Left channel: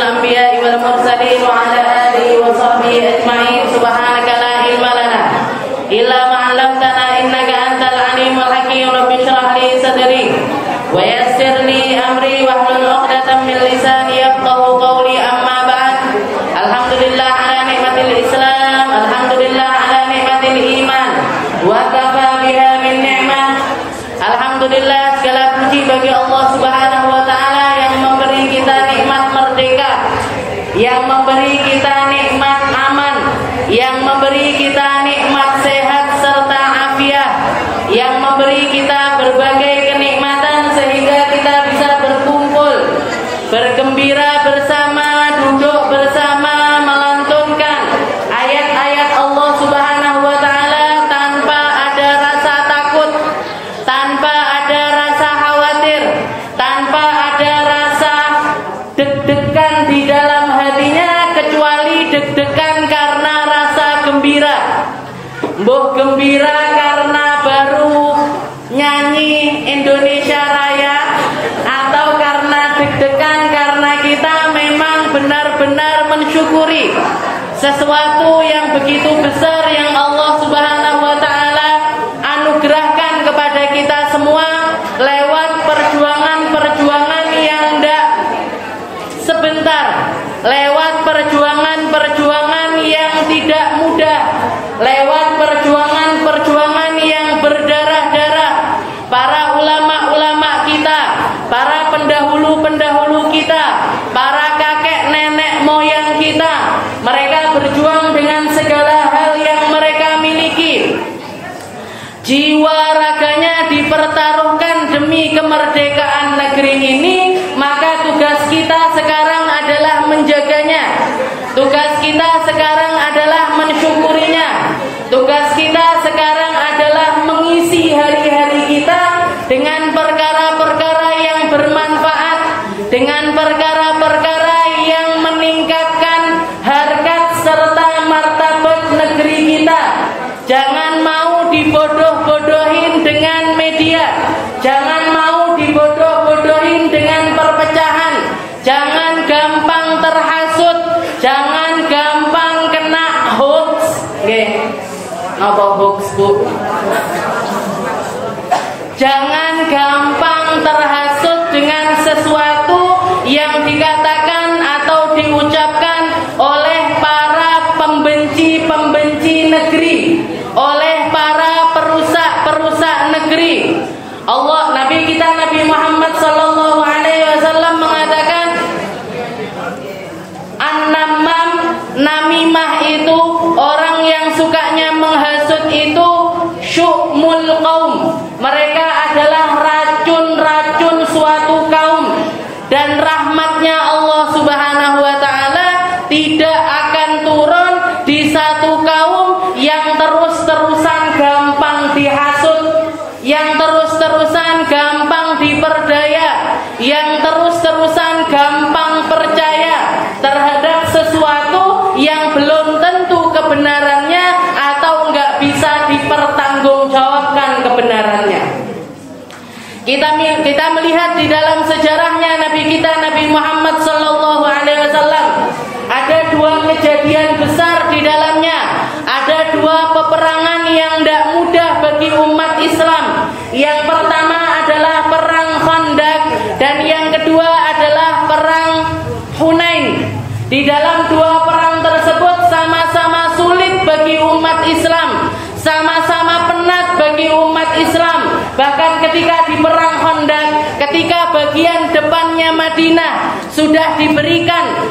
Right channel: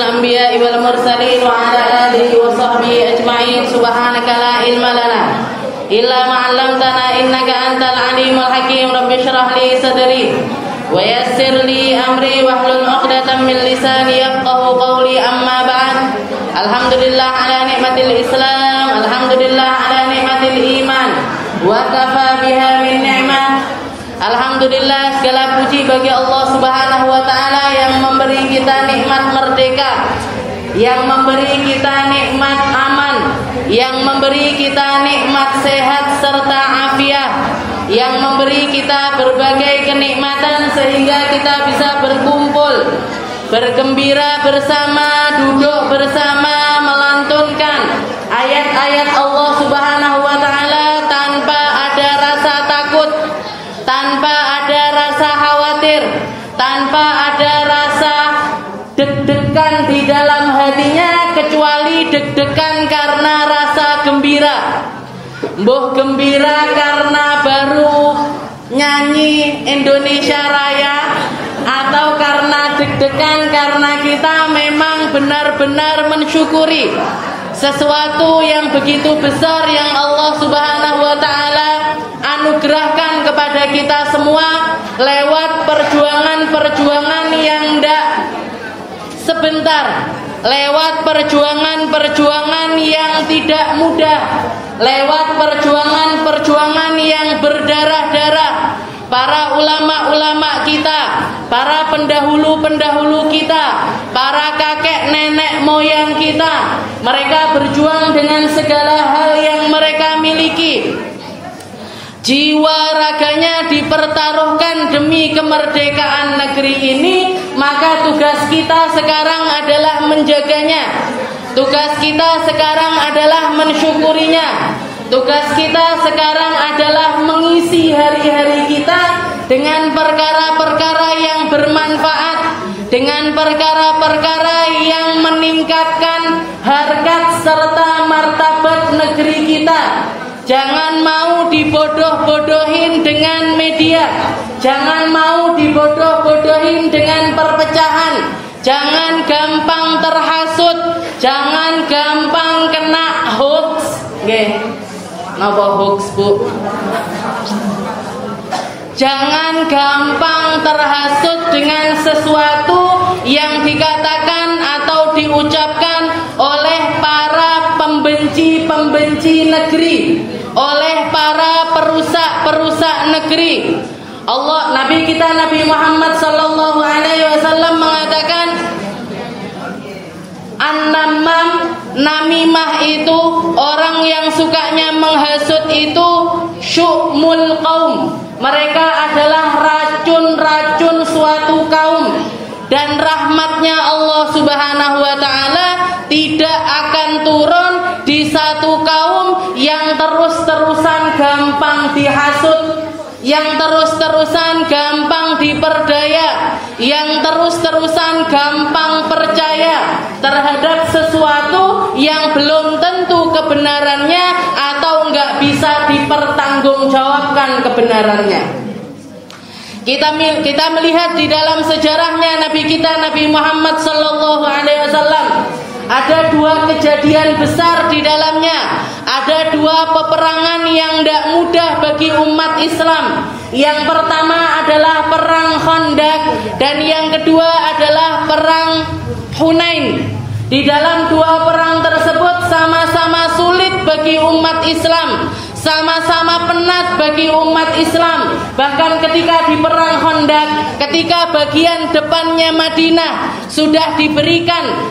الأنبياء والمرسلين وعلى آله وصحبه أجمعين. سبحانك لا علم لنا إلا ما علمتنا إنك أنت العليم الحكيم. رب اشرح لي صدري ويسر لي أمري واحلل عقدة من لساني يفقهوا قولي. أما بعد. Alhamdulillah ala nikmatil Islam, alhamdulillah ala nikmatil iman, wa kafa biha min ni'mah. Alhamdulillah, segala puji bagi Allah Subhanahu wa taala yang memberi kita nikmat merdeka, yang memberi kita nikmat aman, yang memberi kita nikmat sehat serta afiat, yang memberi kita berbagai kenikmatan sehingga kita bisa berkumpul, bergembira bersama, duduk bersama, melantunkan ayat-ayat Allah Subhanahu wa taala tanpa ada rasa takut, tanpa ada rasa khawatir, tanpa ada rasa deg-degan di dalam hatinya, kecuali deg-degan karena rasa gembira. Mbuh gembira karena baru nyanyi Indonesia Raya, atau karena deg-degan karena kita memang benar-benar mensyukuri sesuatu yang begitu besar yang Allah Subhanahu wa taala anugerahkan kepada kita semua lewat perjuangan-perjuangan yang tidak sebentar, lewat perjuangan-perjuangan yang tidak mudah, lewat perjuangan-perjuangan yang berdarah-darah. Para ulama-ulama kita, para pendahulu-pendahulu kita, para kakek nenek moyang kita, mereka berjuang dengan segala hal yang mereka miliki. Jiwa raganya dipertaruhkan demi kemerdekaan negeri ini, maka tugas kita sekarang adalah menjaganya. Tugas kita sekarang adalah mensyukurinya. Tugas kita sekarang adalah mengisi hari-hari kita dengan perkara-perkara yang bermanfaat, dengan perkara-perkara yang meningkatkan harkat serta martabat negeri kita. Jangan mau dibodoh-bodohin dengan media, jangan mau dibodoh-bodohin dengan perpecahan, jangan gampang terhasut, jangan gampang kena hoax. Ngapa hoax, Bu? Jangan gampang terhasut dengan sesuatu yang dikatakan atau diucapkan oleh para pembenci-pembenci negeri, oleh para perusak-perusak negeri. Nabi kita Nabi Muhammad sallallahu alaihi wasallam mengatakan, an-namam, namimah itu, orang yang sukanya menghasut itu, syu'mul qaum. Mereka adalah racun-racun suatu kaum, dan rahmatnya Allah Subhanahu wa taala tidak akan turun di satu kaum yang terus-terusan gampang dihasut, yang terus-terusan gampang diperdaya, yang terus-terusan gampang percaya terhadap sesuatu yang belum tentu kebenarannya atau nggak bisa dipertanggungjawabkan kebenarannya. Kita melihat di dalam sejarahnya Nabi kita Nabi Muhammad sallallahu alaihi wasallam ada dua kejadian besar di dalamnya. Ada dua peperangan yang tidak mudah bagi umat Islam. Yang pertama adalah perang Khandaq, dan yang kedua adalah perang Hunain. Di dalam dua perang tersebut sama-sama sulit bagi umat Islam, sama-sama penat bagi umat Islam. Bahkan ketika di perang Khandaq, ketika bagian depannya Madinah sudah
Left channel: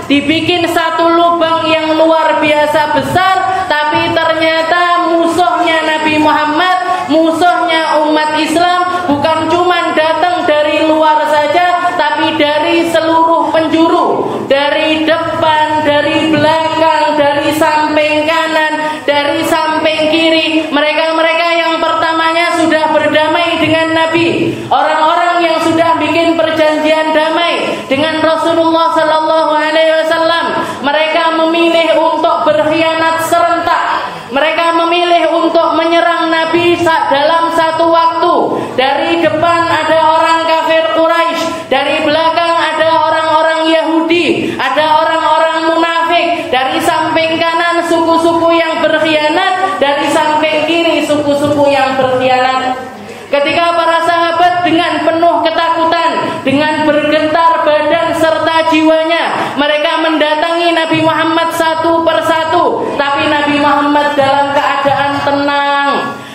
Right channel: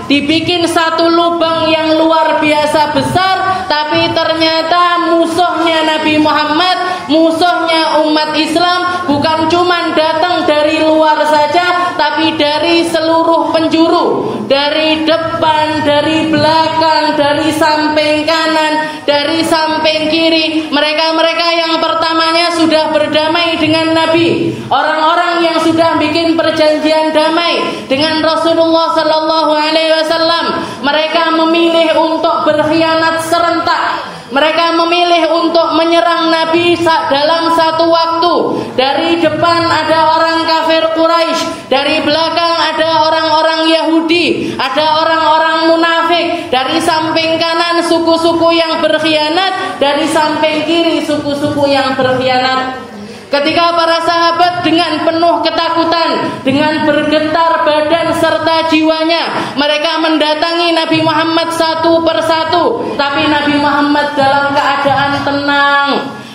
dibikin satu lubang yang luar biasa besar, tapi ternyata musuhnya Nabi Muhammad, musuhnya umat Islam bukan cuma datang dari luar saja, tapi dari seluruh penjuru, dari depan, dari belakang, dari samping kanan, dari samping kiri. Mereka-mereka yang pertamanya sudah berdamai dengan Nabi, orang-orang yang sudah bikin perjanjian damai dengan Rasulullah sallallahu alaihi wasallam, mereka memilih untuk berkhianat serentak. Mereka memilih untuk menyerang Nabi dalam satu waktu. Dari depan ada orang kafir Quraisy, dari belakang ada orang-orang Yahudi, ada orang-orang munafik, dari samping kanan suku-suku yang berkhianat, dari samping kiri suku-suku yang berkhianat. Ketika para sahabat dengan penuh ketakutan, dengan bergetar badan serta jiwanya, mereka mendatangi Nabi Muhammad satu persatu, tapi Nabi Muhammad dalam keadaan tenang.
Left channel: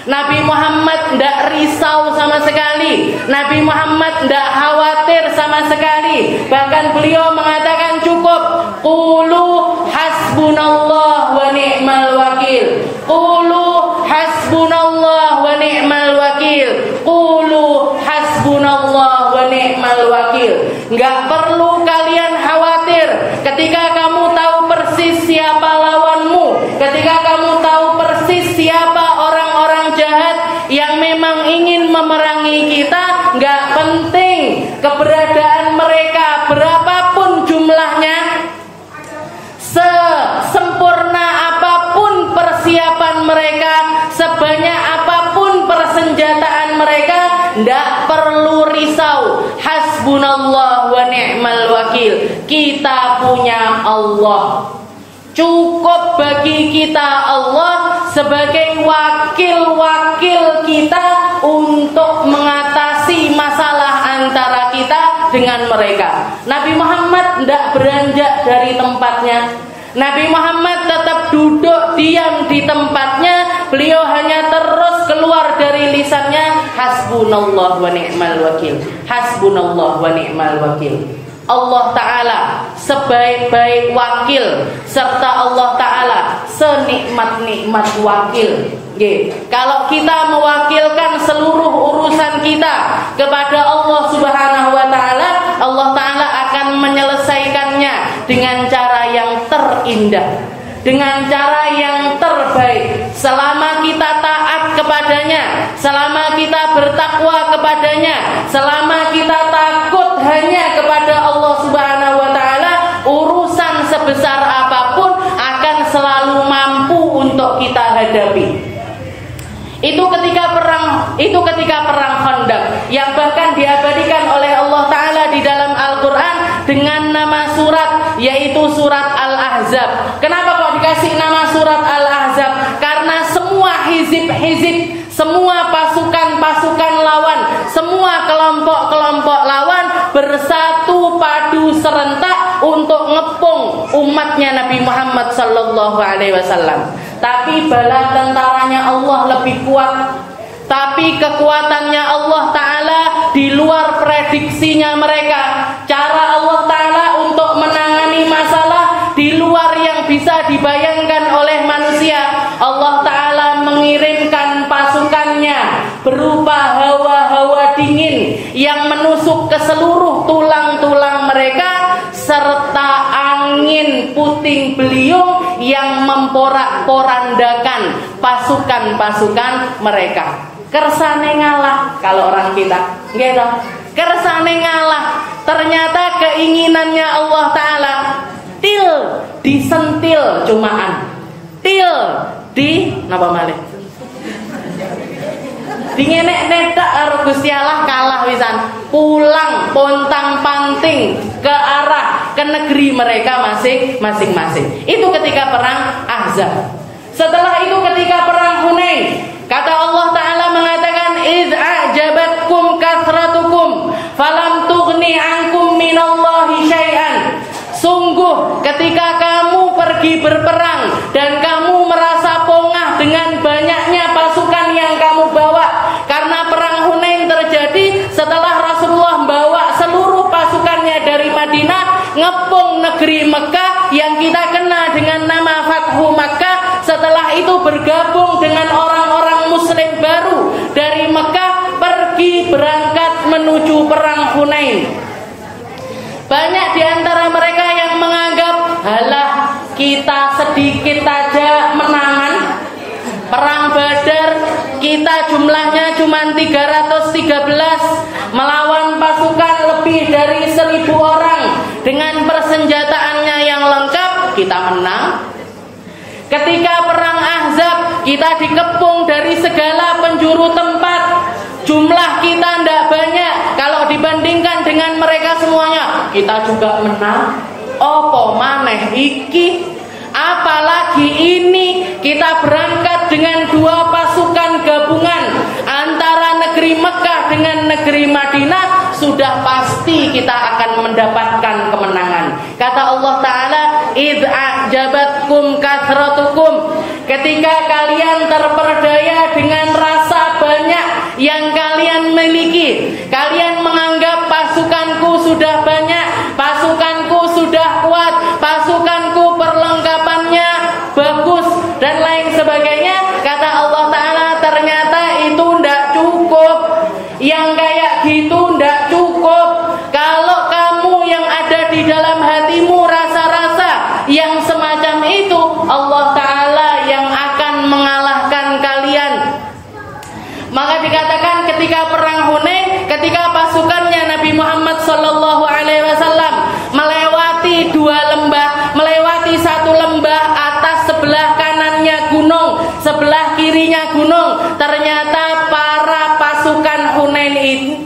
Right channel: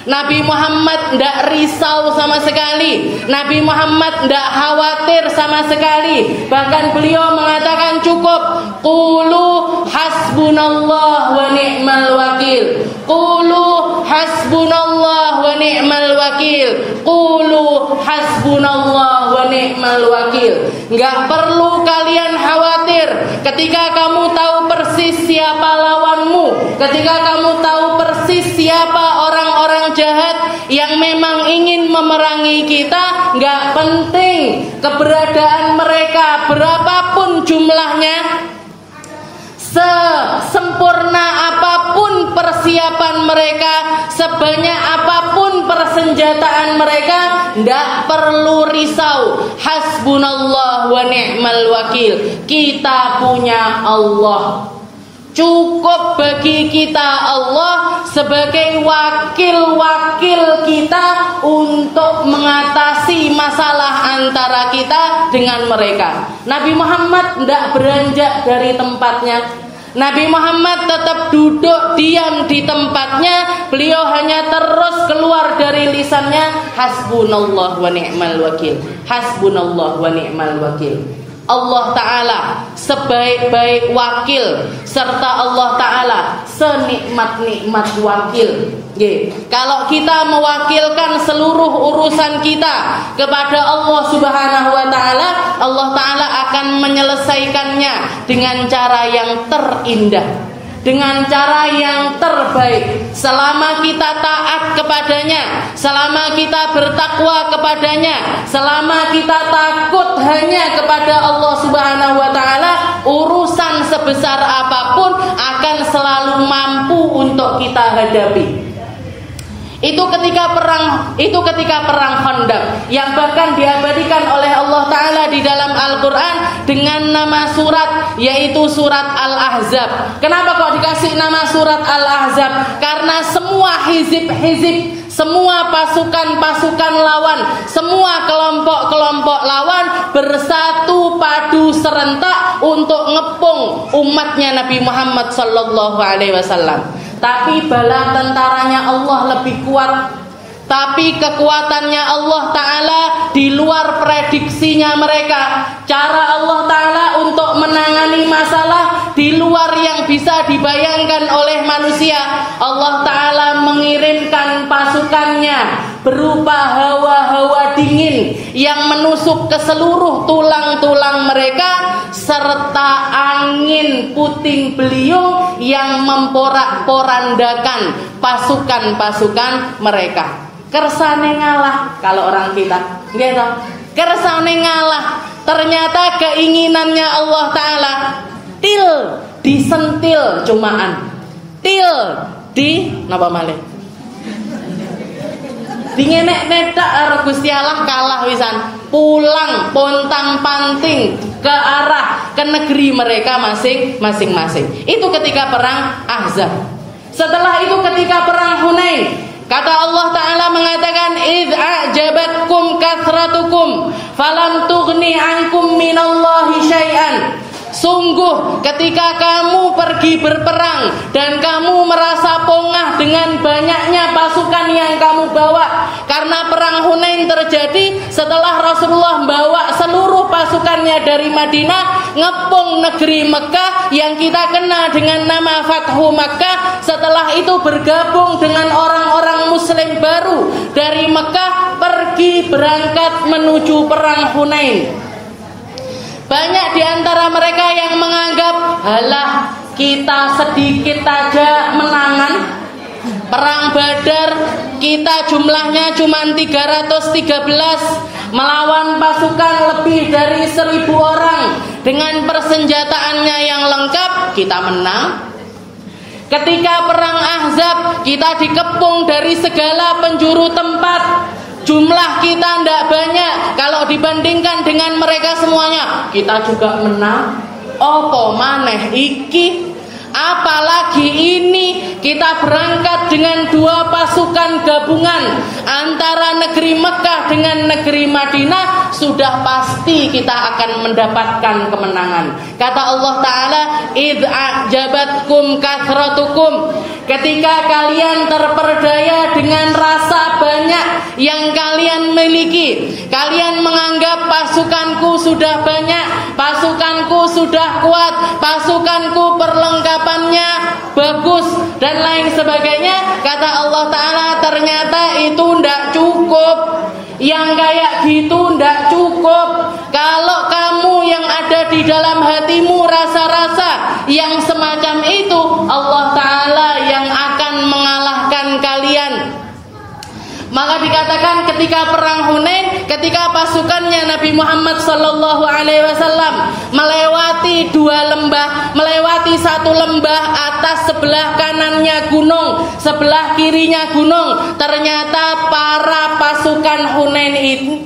Nabi Muhammad tidak risau sama sekali. Nabi Muhammad tidak khawatir sama sekali. Bahkan beliau mengatakan cukup. Qulu hasbunallah wa ni'mal wakil. Qulu hasbunallah wa ni'mal wakil. Qulu hasbunallah wa ni'mal wakil. Enggak perlu kalian khawatir ketika kamu tahu persis siapa lawanmu, ketika kamu tahu persis siapa orang-orang jahat yang memang ingin memerangi kita. Enggak penting keberadaan mereka berapapun jumlahnya, sesempurna apapun persiapan mereka, sebanyak apapun persenjataan mereka, tidak perlu risau. Hasbunallah wa ni'mal wakil. Kita punya Allah. Cukup bagi kita Allah sebagai wakil-wakil kita untuk mengatasi masalah antara kita dengan mereka. Nabi Muhammad tidak beranjak dari tempatnya. Nabi Muhammad tetap duduk diam di tempatnya. Beliau hanya terus keluar dari lisannya, hasbunallah wa ni'mal wakil. Hasbunallah wa ni'mal wakil. Allah Ta'ala sebaik-baik wakil, serta Allah Ta'ala senikmat-nikmat wakil. Kalau kita mewakilkan seluruh urusan kita kepada Allah Subhanahu wa Ta'ala, Allah Ta'ala akan menyelesaikannya dengan cara yang terindah, dengan cara yang terbaik. Selama kita taat kepadanya, selama kita bertakwa kepadanya, selama kita takut hanya kepada Allah Subhanahu wa Ta'ala, urusan sebesar apapun akan selalu mampu untuk kita hadapi. Itu ketika perang Khandaq yang bahkan diabadikan oleh Allah Ta'ala di dalam Al-Quran dengan nama surat, yaitu surat Al-Ahzab. Kenapa kok dikasih nama surat Al-Ahzab? Karena semua hizib-hizib, semua pasukan-pasukan lawan, semua kelompok-kelompok lawan bersatu padu serentak untuk ngepung umatnya Nabi Muhammad sallallahu alaihi wasallam. Tapi bala tentaranya Allah lebih kuat. Tapi kekuatannya Allah Ta'ala di luar prediksinya mereka. Cara Allah Ta'ala untuk menangani masalah di luar yang bisa dibayangkan oleh manusia. Allah Ta'ala mengirimkan pasukannya berupa hawa-hawa dingin yang menusuk ke seluruh tulang-tulang mereka, serta angin puting beliung yang memporak-porandakan pasukan-pasukan mereka. Kersane ngalah kalau orang kita, gitu. Kersane ngalah. Ternyata keinginannya Allah Ta'ala disentil cumaan, di napa malih? Dingenek-netak karo Gusti Allah kalah wisan. Pulang pontang-panting ke arah ke negeri mereka masing-masing. Itu ketika perang Ahzab. Setelah itu ketika perang Hunain, kata Allah Ta'ala mengatakan, idz a'jabatkum kathratukum falam tughni ankum minallahi syai'an. Sungguh ketika kamu pergi berperang dan kamu merasa pongah dengan banyaknya pasukan yang kamu bawa, karena perang Hunain terjadi setelah Rasulullah membawa seluruh pasukannya dari Madinah ngepung negeri Mekah yang kita kenal dengan nama Fathu Makkah. Setelah itu bergabung dengan orang-orang muslim baru dari Mekah, pergi berangkat menuju perang Hunain. Banyak di antara mereka yang menganggap, halah kita sedikit aja menangan. Perang Badar kita jumlahnya cuma 313 melawan pasukan lebih dari 1000 orang dengan persenjataannya yang lengkap, kita menang. Ketika perang Ahzab kita dikepung dari segala penjuru tempat, jumlah kita tidak banyak kalau dibandingkan dengan mereka semuanya, kita juga menang. Opo maneh iki? Apalagi ini kita berangkat dengan dua pasukan gabungan antara negeri Mekah dengan negeri Madinah, sudah pasti kita akan mendapatkan kemenangan. Kata Allah Ta'ala, idh a'jabatkum kathratukum, ketika kalian terperdaya dengan rasa banyak yang kalian miliki, kalian menganggap pasukanku sudah banyak, pasukanku sudah kuat, pasukanku perlengkapannya bagus dan lain sebagainya. Kata Allah Ta'ala, ternyata itu ndak cukup. Yang kayak gitu ndak cukup. Kalau kamu yang ada di dalam hatimu rasa-rasa yang semacam itu, Allah Ta'ala yang akan mengalahkan kalian. Maka dikatakan ketika perang Hunain, ketika pasukannya Nabi Muhammad SAW melewati dua lembah, melewati satu lembah atas, sebelah kanannya gunung, sebelah kirinya gunung. Ternyata para pasukan Hunain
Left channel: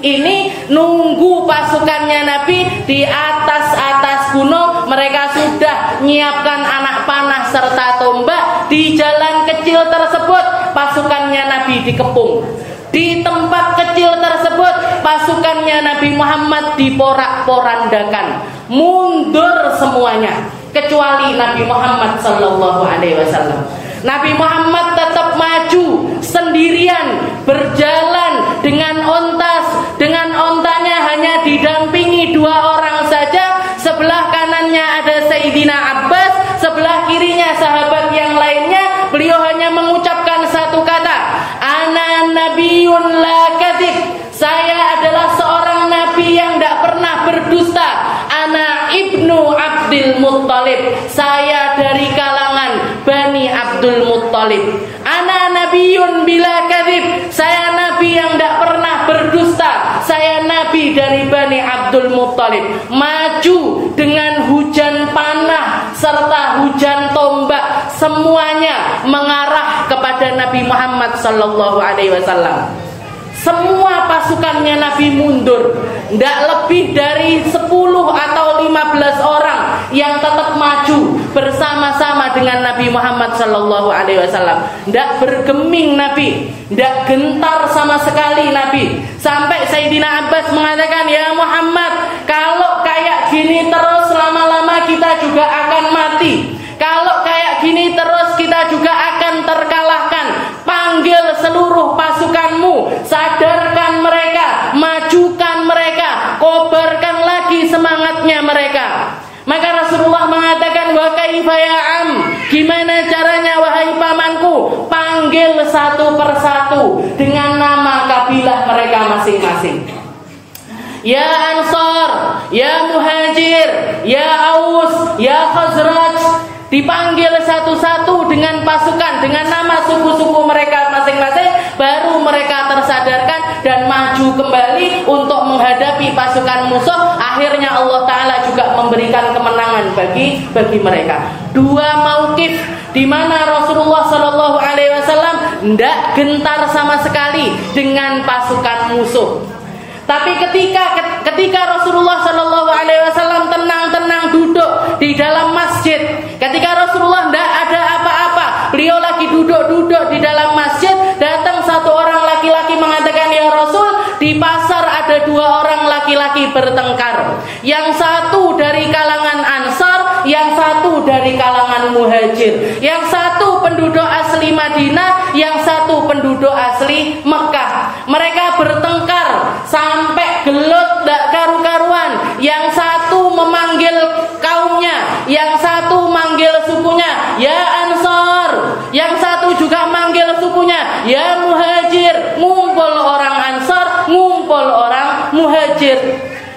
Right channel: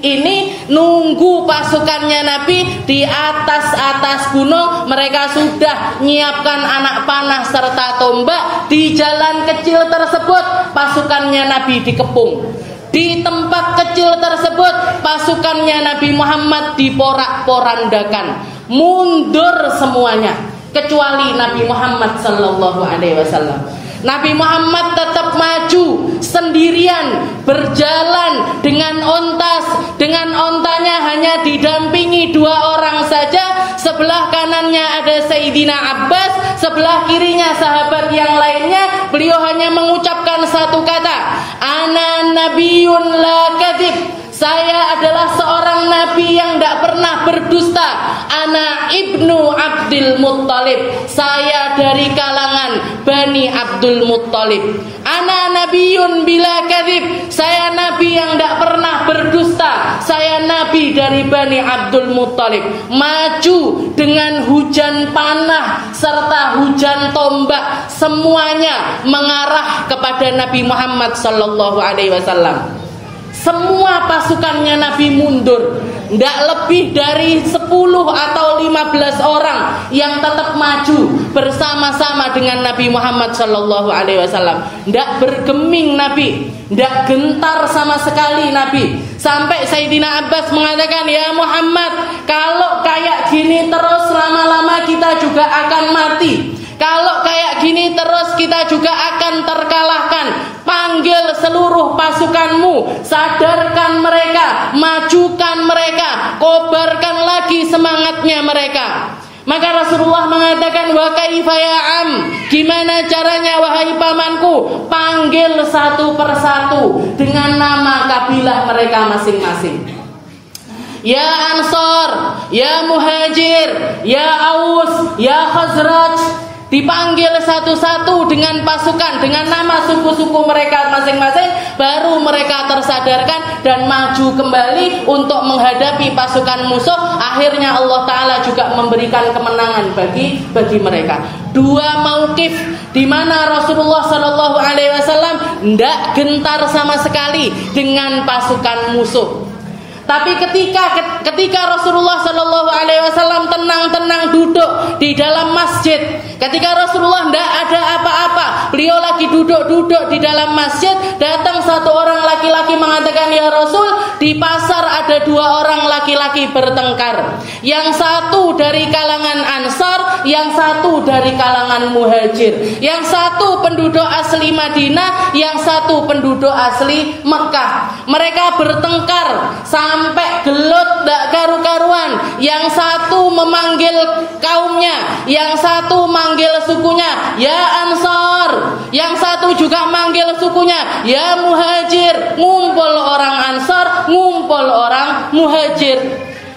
ini nunggu pasukannya Nabi di atas gunung. Mereka sudah menyiapkan anak panah serta tombak. Di jalan kecil tersebut pasukannya Nabi dikepung. Di tempat kecil tersebut pasukannya Nabi Muhammad diporak-porandakan, mundur semuanya kecuali Nabi Muhammad SAW. Nabi Muhammad tetap maju sendirian, berjalan dengan ontas, dengan ontanya hanya didampingi dua orang saja. Sebelah kanannya ada Sayyidina Abbas, sebelah kirinya sahabat yang lainnya. Beliau hanya mengucapkan satu kata, ana nabiyun la kadzib, saya adalah seorang nabi yang tidak pernah berdusta. Ana ibnu Abdul Muttalib, saya dari kalangan Bani Abdul Muttalib. Ana nabiyun bila kadzib, saya nabi yang tidak pernah berdusta. Saya nabi dari Bani Abdul Muttalib. Maju dengan hujan panah serta hujan tombak, semuanya mengarah kepada Nabi Muhammad SAW. Semua pasukannya Nabi mundur. Tidak lebih dari 10 atau 15 orang yang tetap maju bersama-sama dengan Nabi Muhammad SAW. Tidak bergeming Nabi, tidak gentar sama sekali Nabi. Sampai Sayyidina Abbas mengatakan, ya Muhammad, kalau kayak gini terus lama-lama kita juga akan mati. Kalau kayak gini terus kita juga akan terkalahkan. Panggil seluruh pasukanmu, sadarkan mereka, majukan mereka, kobarkan lagi semangatnya mereka. Maka Rasulullah mengatakan, wa kaifa ya am, gimana caranya wahai pamanku? Panggil satu persatu dengan nama kabilah mereka masing-masing. Ya Ansar, ya Muhajir, ya Aus, ya Khazraj. Dipanggil satu-satu dengan pasukan, dengan nama suku-suku mereka masing-masing. Baru mereka tersadarkan dan maju kembali untuk menghadapi pasukan musuh. Akhirnya Allah Ta'ala juga memberikan kemenangan bagi mereka. Dua mauqif di mana Rasulullah SAW tidak gentar sama sekali dengan pasukan musuh. Tapi ketika Rasulullah SAW tenang-tenang duduk di dalam masjid, ketika Rasulullah tidak ada apa-apa, beliau lagi duduk-duduk di dalam masjid, datang satu orang laki-laki mengatakan, ya Rasul, di pasar ada dua orang laki-laki bertengkar. Yang satu dari kalangan Ansar, yang satu dari kalangan Muhajir. Yang satu penduduk asli Madinah, yang satu penduduk asli Mekah. Mereka bertengkar sampai gelut tak karu-karuan. Yang satu memanggil kaumnya, yang satu manggil sukunya, ya Ansar. Yang satu juga manggil sukunya, ya Muhajir. Ngumpul orang Ansar, ngumpul orang Muhajir.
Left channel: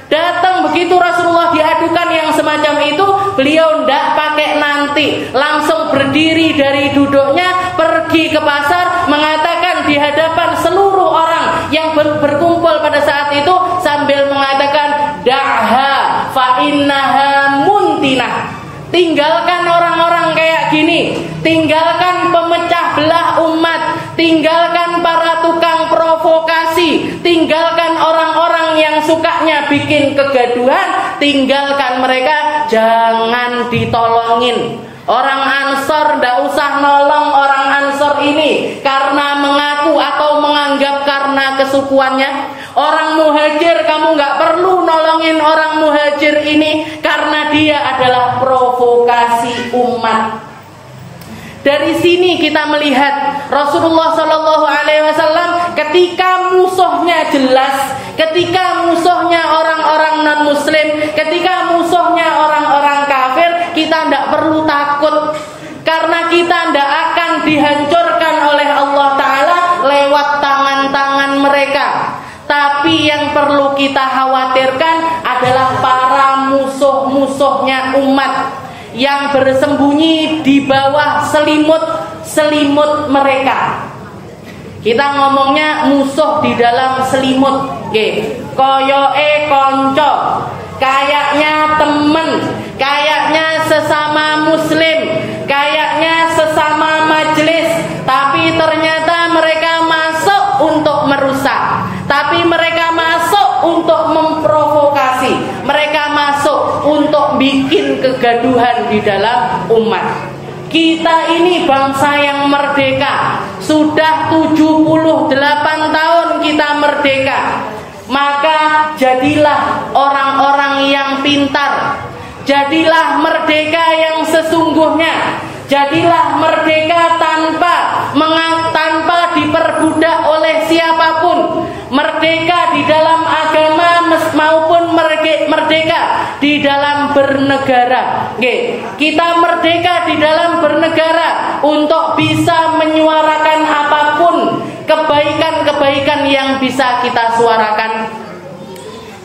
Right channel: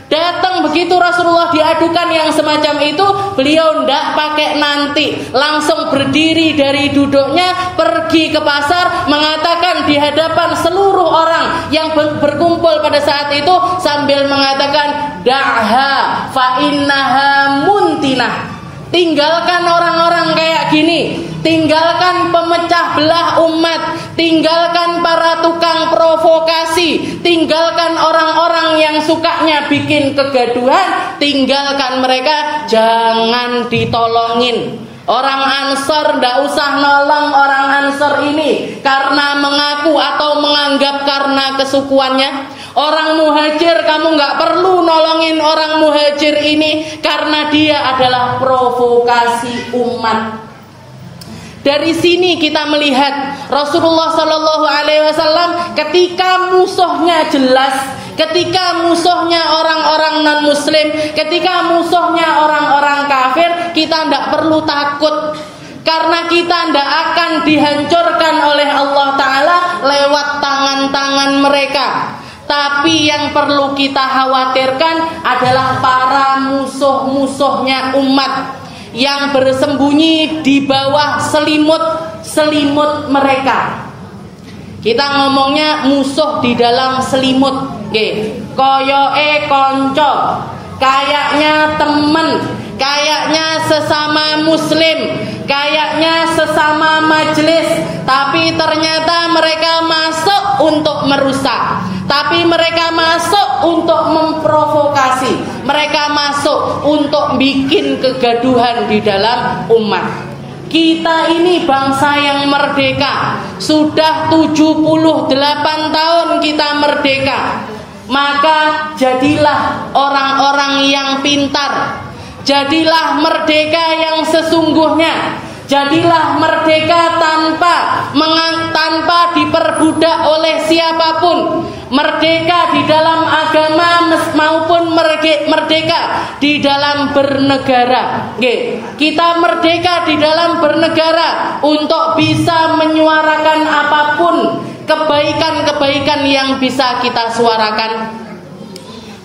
Datang begitu Rasulullah diadukan yang semacam itu, beliau tidak pakai nanti, langsung berdiri dari duduknya, pergi ke pasar, mengatakan di hadapan seluruh orang yang berkumpul pada saat itu, sambil mengatakan, da'ha fa innaha muntinah. Tinggalkan orang-orang kayak gini, tinggalkan pemecah belah umat, tinggalkan para tukang provokasi, tinggalkan orang-orang yang suka sukanya bikin kegaduhan, tinggalkan mereka, jangan ditolongin. Orang Ansor ndak usah nolong orang Ansor ini karena mengaku atau menganggap karena kesukuannya. Orang Muhajir kamu nggak perlu nolongin orang Muhajir ini karena dia adalah provokasi umat. Dari sini kita melihat Rasulullah Shallallahu Alaihi Wasallam ketika musuhnya jelas, ketika musuhnya orang-orang non-Muslim, ketika musuhnya orang-orang kafir, kita tidak perlu takut karena kita tidak akan dihancurkan oleh Allah Ta'ala lewat tangan-tangan mereka. Tapi yang perlu kita khawatirkan adalah para musuh-musuhnya umat yang bersembunyi di bawah selimut mereka. Kita ngomongnya musuh di dalam selimut, koyoke konco, kayaknya temen, kayaknya sesama muslim, kayaknya sesama majelis, tapi ternyata mereka masuk untuk merusak, tapi mereka masuk untuk memprovokasi, mereka masuk untuk bikin kegaduhan di dalam umat. Kita ini bangsa yang merdeka, sudah 78 tahun kita merdeka. Maka jadilah orang-orang yang pintar, jadilah merdeka yang sesungguhnya, jadilah merdeka tanpa diperbudak oleh siapapun, merdeka di dalam agama maupun merdeka di dalam bernegara. Kita merdeka di dalam bernegara untuk bisa menyuarakan apapun kebaikan-kebaikan yang bisa kita suarakan.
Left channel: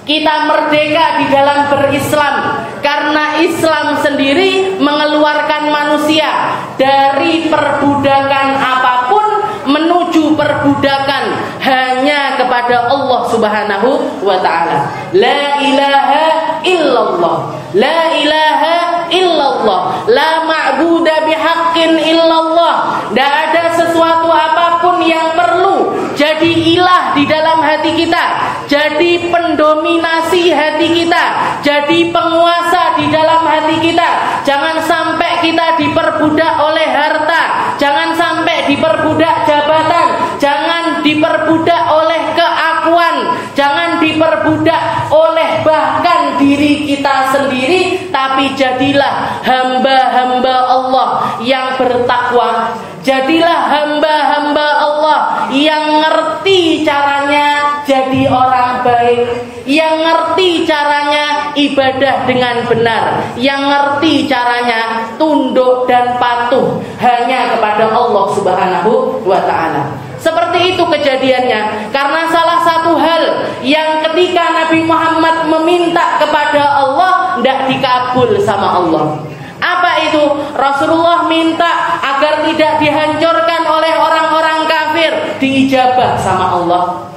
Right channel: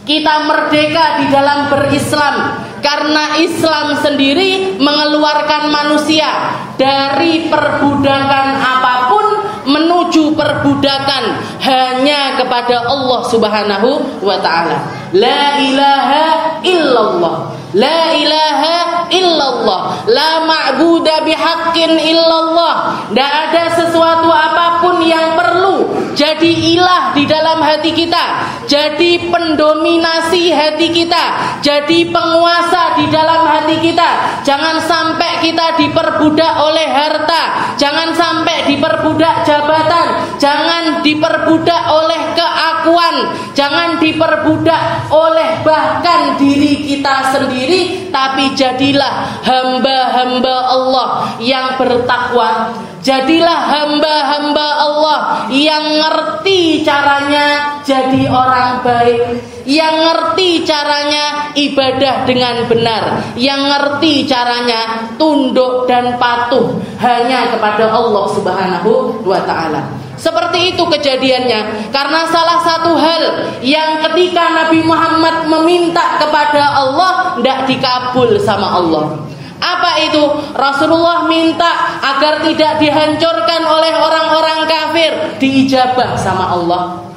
Kita merdeka di dalam berislam karena Islam sendiri mengeluarkan manusia dari perbudakan apapun menuju perbudakan hanya kepada Allah Subhanahu wa Ta'ala. La ilaha illallah, la ilaha illallah, la ma'buda bihaqqin illallah. Tidak ada sesuatu apapun yang perlu jadi ilah di dalam hati kita, jadi pendominasi hati kita, jadi penguasa di dalam hati kita. Jangan sampai kita diperbudak oleh harta, jangan sampai diperbudak jabatan, jangan diperbudak oleh keakuan, jangan diperbudak oleh bahkan diri kita sendiri, tapi jadilah hamba-hamba Allah yang bertakwa. Jadilah hamba-hamba Allah yang ngerti caranya jadi orang baik, yang ngerti caranya ibadah dengan benar, yang ngerti caranya tunduk dan patuh hanya kepada Allah Subhanahu wa Ta'ala. Seperti itu kejadiannya, karena salah satu hal yang ketika Nabi Muhammad meminta kepada Allah tidak dikabul sama Allah. Apa itu? Rasulullah minta agar tidak dihancurkan oleh orang-orang kafir, diijabah sama Allah.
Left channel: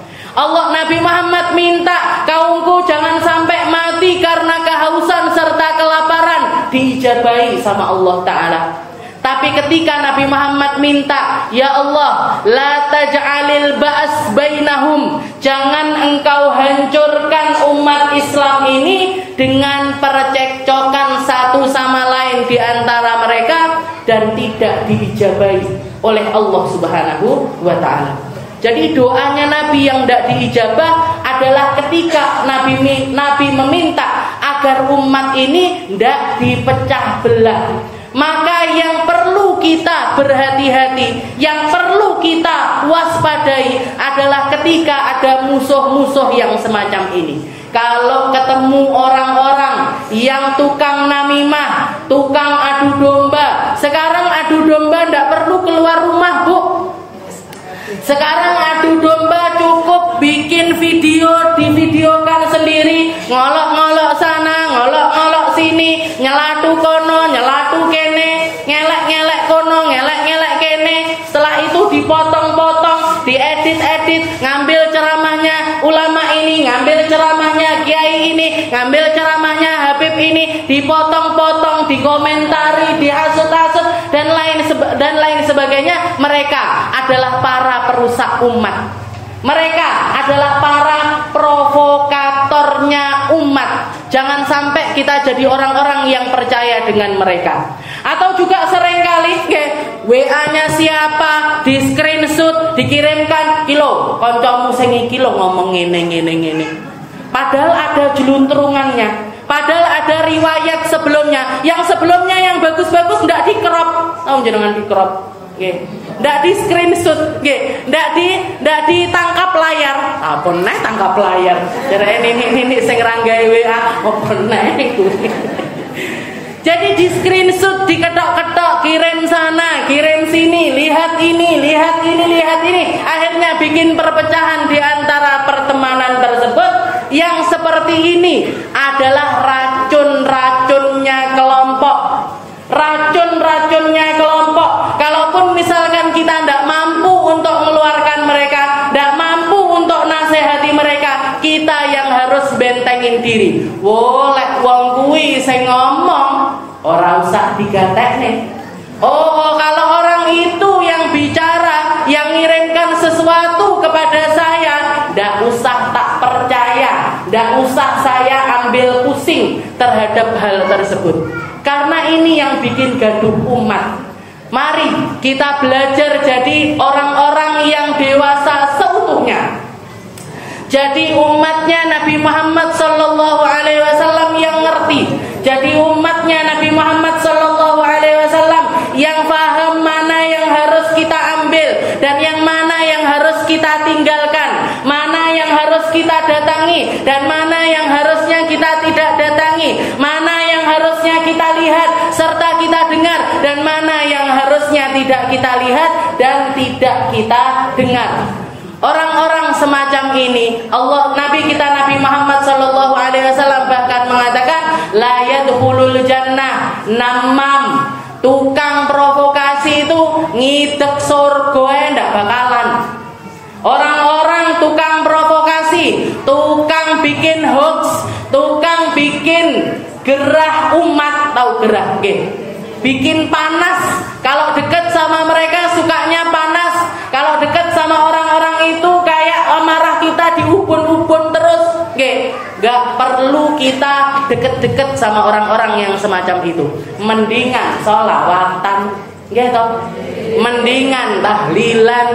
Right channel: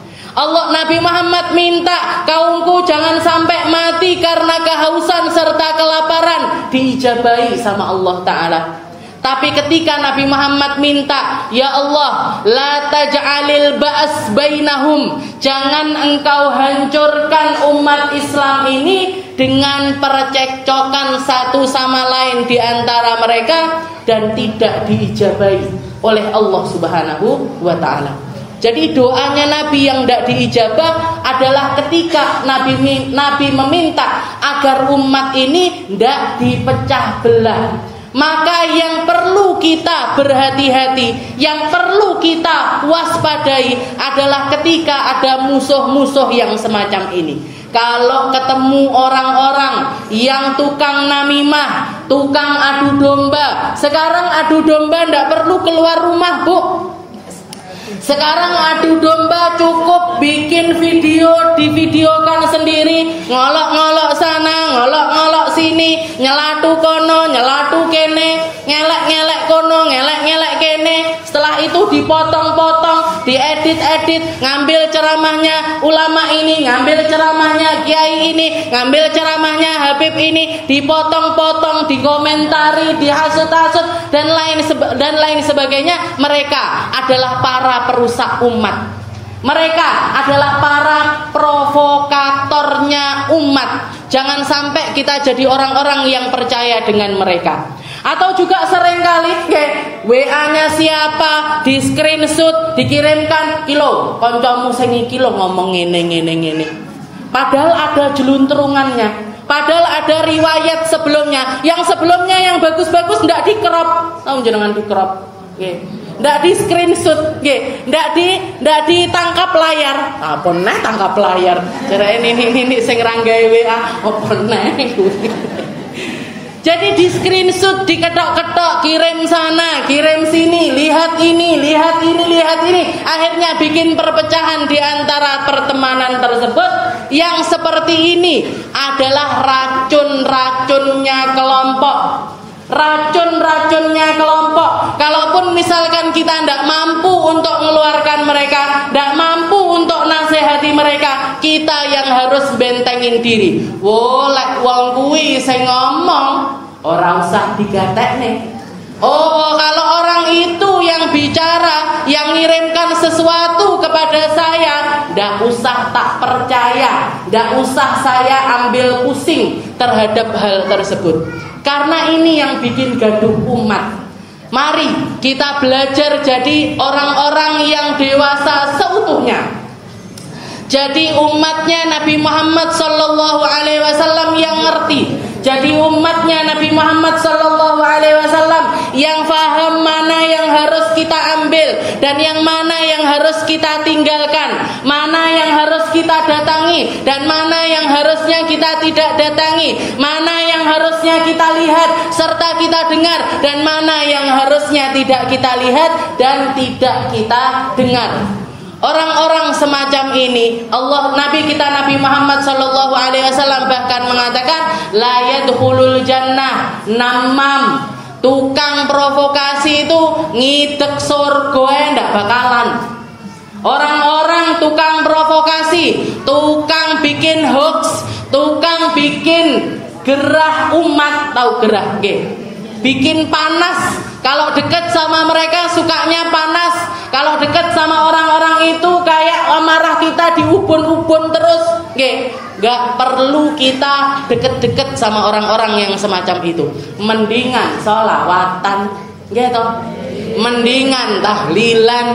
Nabi Muhammad minta kaumku jangan sampai mati karena kehausan serta kelaparan, diijabahi sama Allah Ta'ala. Tapi ketika Nabi Muhammad minta, ya Allah, la taj'alil ba's bainahum, jangan engkau hancurkan umat Islam ini dengan percekcokan satu sama lain di antara mereka, dan tidak diijabahi oleh Allah Subhanahu wa Ta'ala. Jadi doanya Nabi yang tidak diijabah adalah ketika Nabi meminta agar umat ini tidak dipecah belah. Maka yang perlu kita berhati-hati, yang perlu kita waspadai adalah ketika ada musuh-musuh yang semacam ini. Kalau ketemu orang-orang yang tukang namimah, tukang adu domba. Sekarang adu domba tidak perlu keluar rumah, Bu. Sekarang adu domba cukup bikin video, divideokan sendiri, ngolok-ngolok sana, ngolok-ngolok sini, nyelatu kono, nyelatu kene, ngelek-ngelek kono, ngelek-ngelek kene. Setelah itu dipotong-potong, diedit-edit, ngambil ceramahnya ulama ini, ngambil ceramahnya kiai ini, ngambil ceramahnya Habib ini, dipotong-potong, dikomentari, dihasut-hasut dan lain sebagainya. Mereka adalah para perusak umat. Mereka adalah para provokator besarnya umat. Jangan sampai kita jadi orang-orang yang percaya dengan mereka. Atau juga seringkali WA-nya siapa di screenshot dikirimkan kilo, kancamu sing iki lho ngomong ngene. Padahal ada jelunturungannya. Padahal ada riwayat sebelumnya. Yang sebelumnya yang bagus-bagus ndak di-crop. Tahu jenengan di-crop? Nggih. Ndak di screenshot, nggih. Ndak ditangkap layar. Apa neh tangkap layar? Jarene ini sing ra gawe WA, apa neh iku. Jadi di screenshot, diketok-ketok, kirim sana, kirim sini, lihat ini. Akhirnya bikin perpecahan di antara pertemanan tersebut. Yang seperti ini adalah racun-racunnya kelompok. Kalaupun misalkan kita tidak mampu untuk mengeluarkan mereka, tidak mampu untuk nasihati mereka, kita yang harus bentengin diri. Lek wong kuwi sing ngomong ora usah digatekne. Kalau orang itu yang bicara, yang ngirimkan sesuatu kepada saya, ndak usah tak percaya, ndak usah saya ambil pusing terhadap hal tersebut. Karena ini yang bikin gaduh umat. Mari kita belajar jadi orang-orang yang dewasa seutuhnya. Jadi umatnya Nabi Muhammad sallallahu alaihi wasallam yang ngerti. Jadi umatnya Nabi Muhammad sallallahu alaihi wasallam yang paham mana yang harus kita ambil dan yang mana yang harus kita tinggalkan, mana yang harus kita datangi dan mana yang harusnya kita tidak datangi, mana yang harusnya kita lihat serta kita dengar dan mana yang harusnya tidak kita lihat dan tidak kita dengar. Orang-orang semacam ini, Nabi kita Nabi Muhammad sallallahu alaihi wasallam bahkan mengatakan la yadkhulul jannah namam. Tukang provokasi itu ngidek surga ndak bakalan. Orang-orang tukang provokasi, tukang bikin hoax, tukang bikin gerah umat, tahu gerah nggih? Bikin panas. Kalau dekat sama mereka sukanya panas. Kalau dekat sama orang-orang itu kayak marah kita diubun-ubun terus. Gak perlu kita deket-deket sama orang-orang yang semacam itu. Mendingan sholawatan, gitu. Mendingan tahlilan,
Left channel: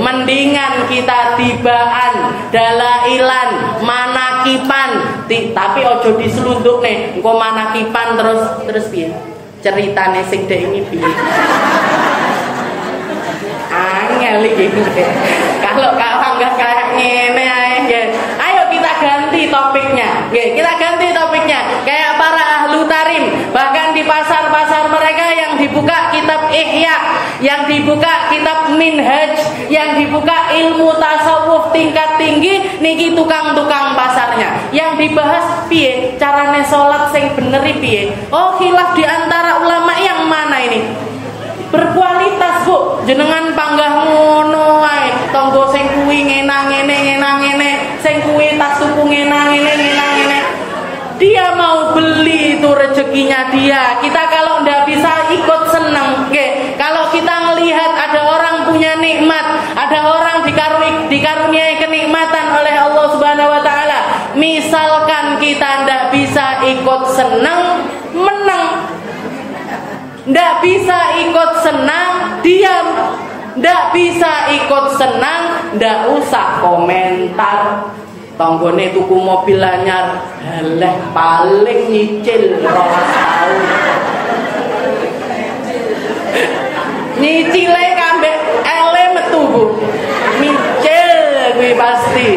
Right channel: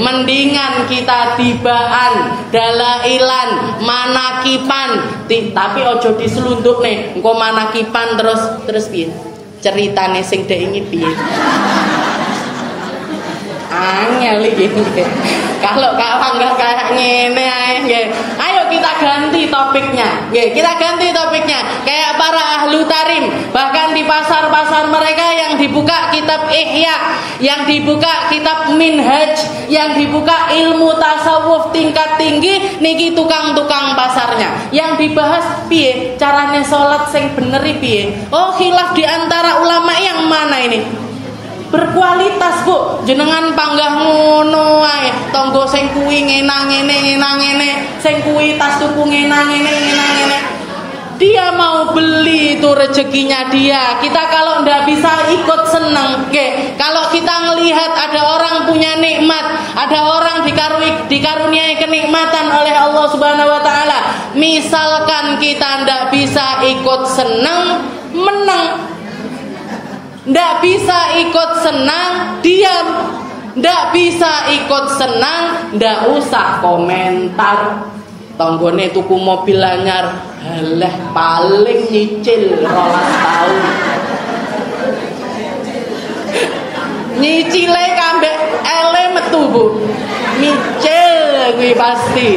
mendingan kita tibaan, dalailan, manakipan. Tapi ojo diselunduk nih. Engko manakipan terus piye? Ceritane sing dek iki piye? Angel iki. Kalau enggak kayak ngene ae, ayo kita ganti topiknya. Kita ganti topiknya. Kayak para ahlu tarim, bahkan di pasar-pasar mereka yang dibuka kitab Ihya, yang dibuka kitab Minhaj, yang dibuka ilmu tasawuf tingkat tinggi, niki tukang-tukang pasarnya. Yang dibahas piye? Carane salat sing bener piye? Khilaf di antara ulama yang mana ini? Berkualitas, Bu. Jenengan panggah ngono ae. Tonggo sing kuwi ngene, sing kuwi tas tuku ngene. Dia mau beli itu rezekinya dia. Kita kalau ndak bisa ikut seneng, kalau kita ngelihat ada orang punya nikmat, ada orang dikaruniai kenikmatan oleh Allah Subhanahu wa taala, misalkan kita ndak bisa ikut seneng, meneng. Ndak bisa ikut senang, diam. Ndak bisa ikut senang, ndak usah komentar. Tanggone tuku mobil anyar, halah paling nyicil 2 tahun. Nyicile kambek ele metu, Bu. Nyicil kuwi pasti.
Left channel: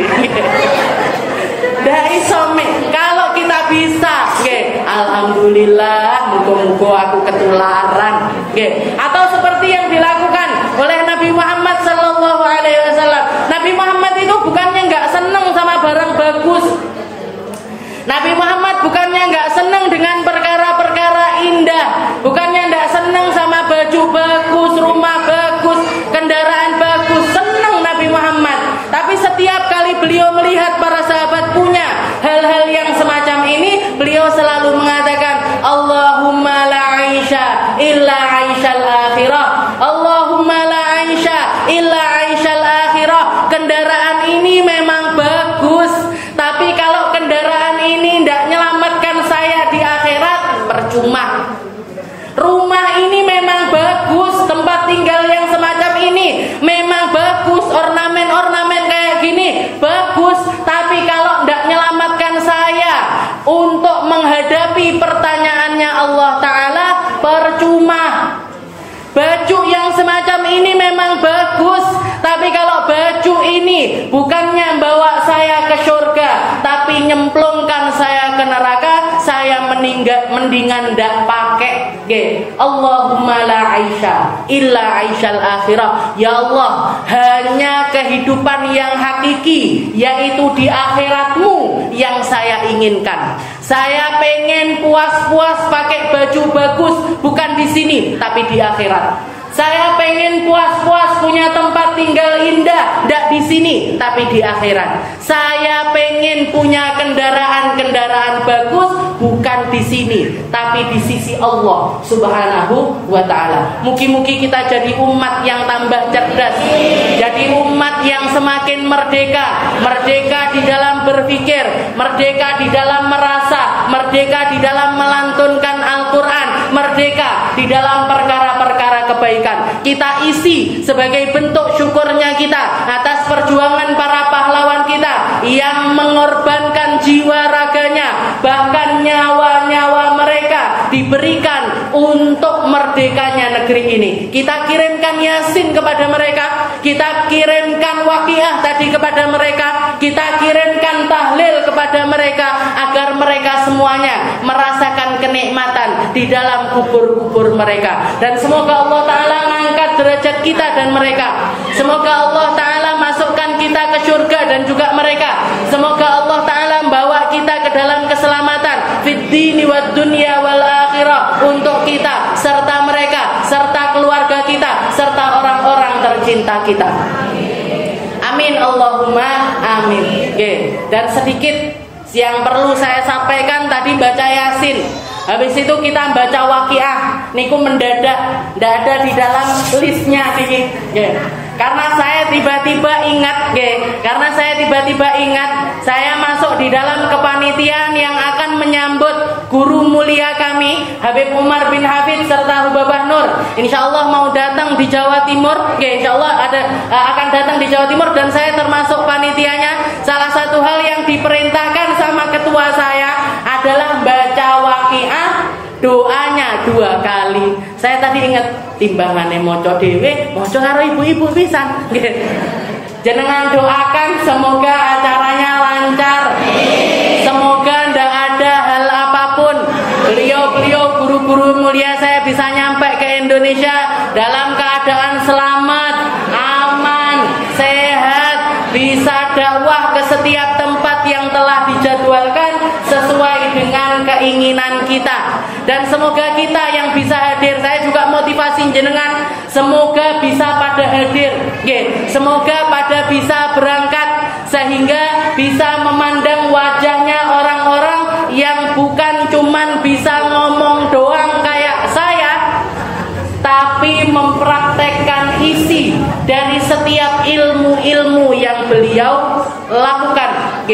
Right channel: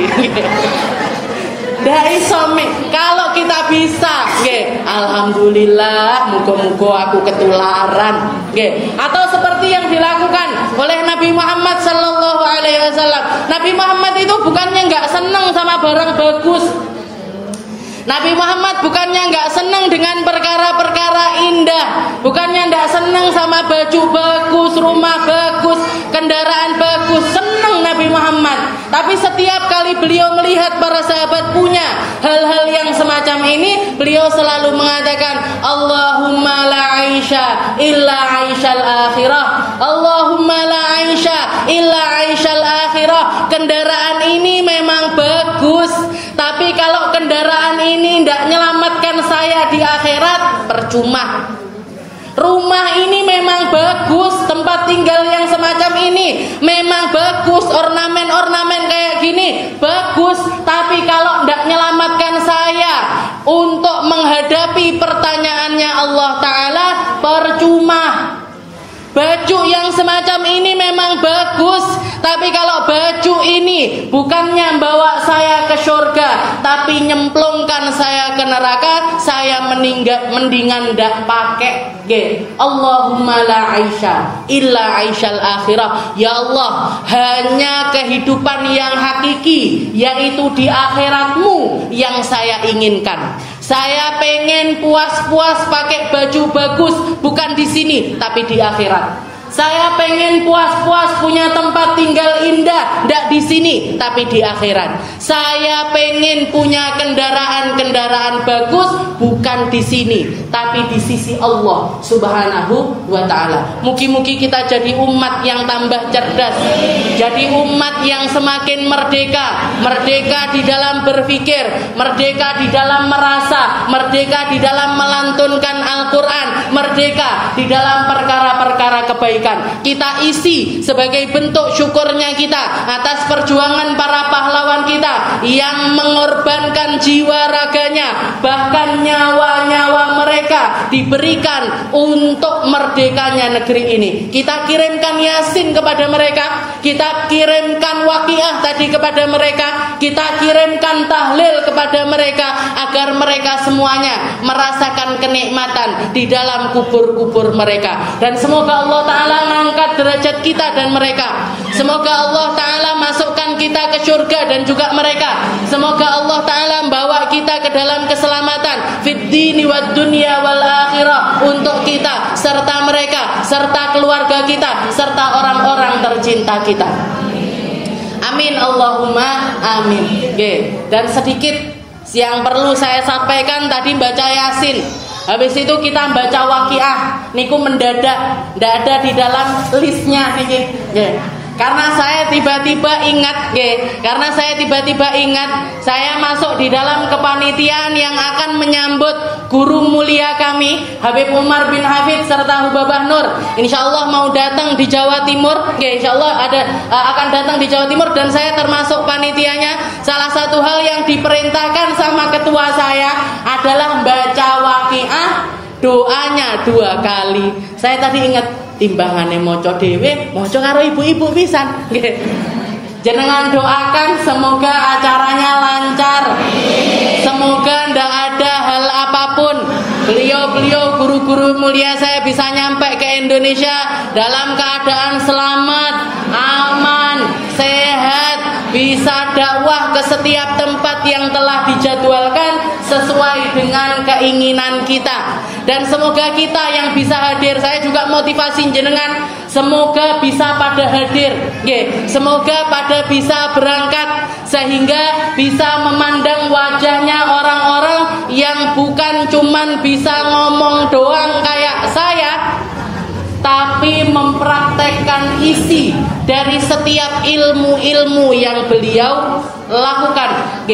Ndak iso kalau kita bisa, alhamdulillah, muga-muga aku ketularan, Atau seperti yang dilakukan oleh Nabi Muhammad sallallahu alaihi wasallam. Nabi Muhammad itu bukannya enggak senang sama barang bagus. Nabi Muhammad bukannya enggak senang dengan perkara-perkara indah, bukannya enggak senang sama baju bagus, rumah bagus, kendaraan bagus. Senang Nabi Muhammad. Tapi setiap kali beliau melihat para sahabat punya hal-hal yang semacam ini, beliau selalu mengatakan, Allahumma la aisha illa aishal akhirah. Allahumma la aisha illa aishal akhirah. Kendaraan ini memang bagus, tapi kalau kendaraan Rumah ini memang bagus, tempat tinggal yang semacam ini memang bagus, ornamen-ornamen kayak gini bagus, tapi kalau tidak menyelamatkan saya untuk menghadapi pertanyaannya Allah Ta'ala, percuma. Baju yang semacam ini memang bagus, tapi kalau baju ini bukannya bawa saya ke surga, tapi nyemplungkan saya ke neraka, saya mendingan ndak pakai. Allahumma la aisha illa aishal akhirah. Ya Allah, hanya kehidupan yang hakiki, yaitu di akhiratmu yang saya inginkan. Saya pengen puas-puas pakai baju bagus, bukan di sini tapi di akhirat. Saya pengen puas-puas punya tempat tinggal indah, tidak di sini tapi di akhirat. Saya pengen punya kendaraan-kendaraan bagus, bukan di sini tapi di sisi Allah Subhanahu wa Ta'ala. Mugi-mugi kita jadi umat yang tambah cerdas, jadi umat yang semakin merdeka. Merdeka di dalam berpikir, merdeka di dalam merasa, merdeka di dalam melantunkan Al-Quran, merdeka di dalam perkara-perkara kebaikan. Kita isi sebagai bentuk syukurnya kita atas perjuangan para pahlawan kita yang mengorbankan jiwa raganya, bahkan nyawa-nyawa mereka diberikan untuk merdekanya negeri ini. Kita kirimkan Yasin kepada mereka, kita kirimkan Waqiah tadi kepada mereka, kita kirimkan tahlil kepada mereka, agar mereka semuanya merasakan kenikmatan di dalam kubur-kubur mereka. Dan semoga Allah Ta'ala mengangkat derajat kita dan mereka. Semoga Allah Ta'ala masukkan kita ke surga dan juga mereka. Semoga Allah Ta'ala membawa kita ke dalam keselamatan fid dini wad dunya wal akhirah, untuk kita serta mereka, serta keluarga kita, serta orang-orang tercinta kita. Amin Allahumma amin. Dan sedikit yang perlu saya sampaikan, tadi baca Yasin, habis itu kita baca Waqiah, niku mendadak, tidak ada di dalam listnya niki. Karena saya tiba-tiba ingat, saya masuk di dalam kepanitiaan yang akan menyambut guru mulia kami Habib Umar bin Hafid serta Hubabah Nur. Insyaallah mau datang di Jawa Timur, insyaallah akan datang di Jawa Timur, dan saya termasuk panitianya. Salah satu hal yang diperintahkan sama ketua saya adalah baca Waqiah, doanya 2 kali. Saya tadi ingat timbangane moco dhewe, moco karo ibu-ibu pisan. Jenengan doakan semoga acaranya lancar. Semoga ndak ada hal apapun. Beliau guru-guru mulia saya bisa nyampe ke Indonesia dalam keadaan selamat, aman, sehat, bisa dakwah ke setiap tempat yang telah dijadwalkan sesuai dengan keinginan kita. Dan semoga kita yang bisa hadir, saya juga motivasi jenengan, semoga bisa pada hadir, semoga pada bisa berangkat, sehingga bisa memandang wajahnya orang-orang yang bukan cuman bisa ngomong doang kayak saya, tapi mempraktekkan isi dari setiap ilmu-ilmu yang beliau lakukan.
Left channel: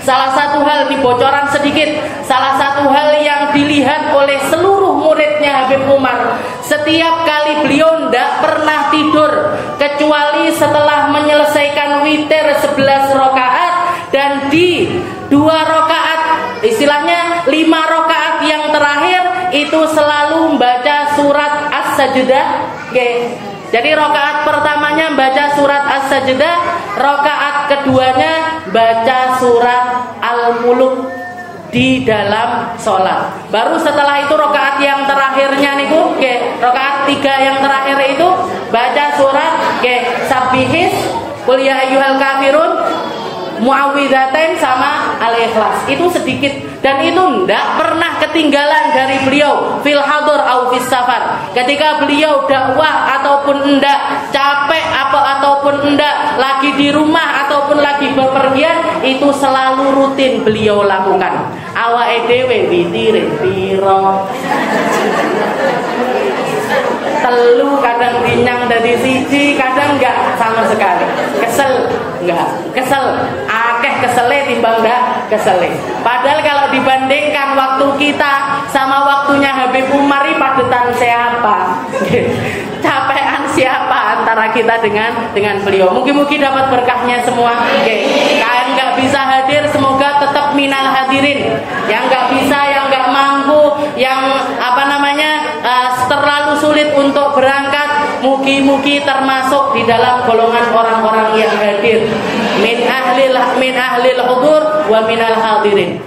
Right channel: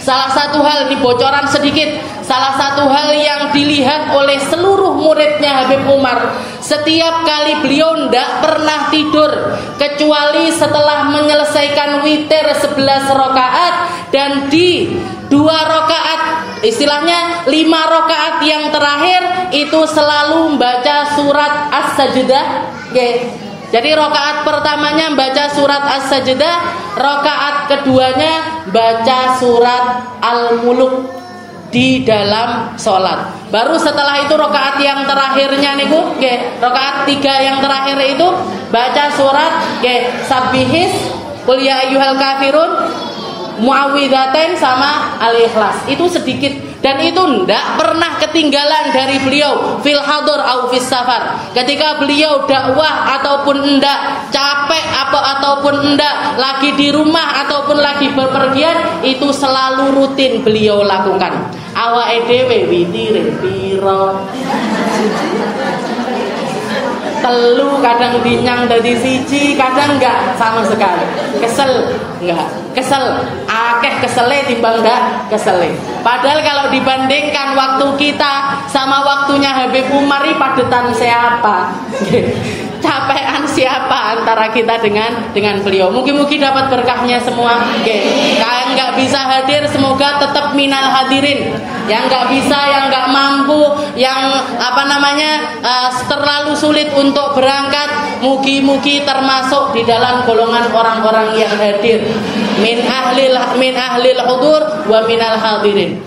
Salah satu hal, ini bocoran sedikit, salah satu hal yang dilihat oleh seluruh muridnya Habib Umar, setiap kali beliau tidak pernah tidur kecuali setelah menyelesaikan witir 11 rakaat, dan di 2 rakaat, istilahnya 5 rakaat yang terakhir itu selalu membaca surat As-Sajdah. Jadi rakaat pertamanya baca surat As-Sajdah, rakaat keduanya baca surat Al-Mulk di dalam sholat. Baru setelah itu rakaat yang terakhirnya niku, rakaat 3 yang terakhir itu baca surat Sabbihis, Qul ya ayyuhal kafirun, Muawwidzatain sama Al-Ikhlas. Itu sedikit, dan itu tidak pernah ketinggalan dari beliau fil hadur au fis safar. Ketika beliau dakwah ataupun enggak, capek ataupun enggak, lagi di rumah ataupun lagi bepergian, itu selalu rutin beliau lakukan. Awake dhewe witire piro? 3 kadang dinyang dari 1, kadang enggak sama sekali. Kesel, enggak kesel, akeh kesele timbang enggak kesele. Padahal kalau kalau dibandingkan waktu kita sama waktunya Habib Umar, padetan siapa? Capean siapa antara kita dengan beliau? Mungkin dapat berkahnya semua. Yang nggak bisa hadir semoga tetap minal hadirin. Yang nggak bisa, yang nggak mampu, yang terlalu sulit untuk berangkat, mugi-mugi termasuk di dalam golongan orang-orang yang hadir min ahlil hudur wa minal hadirin.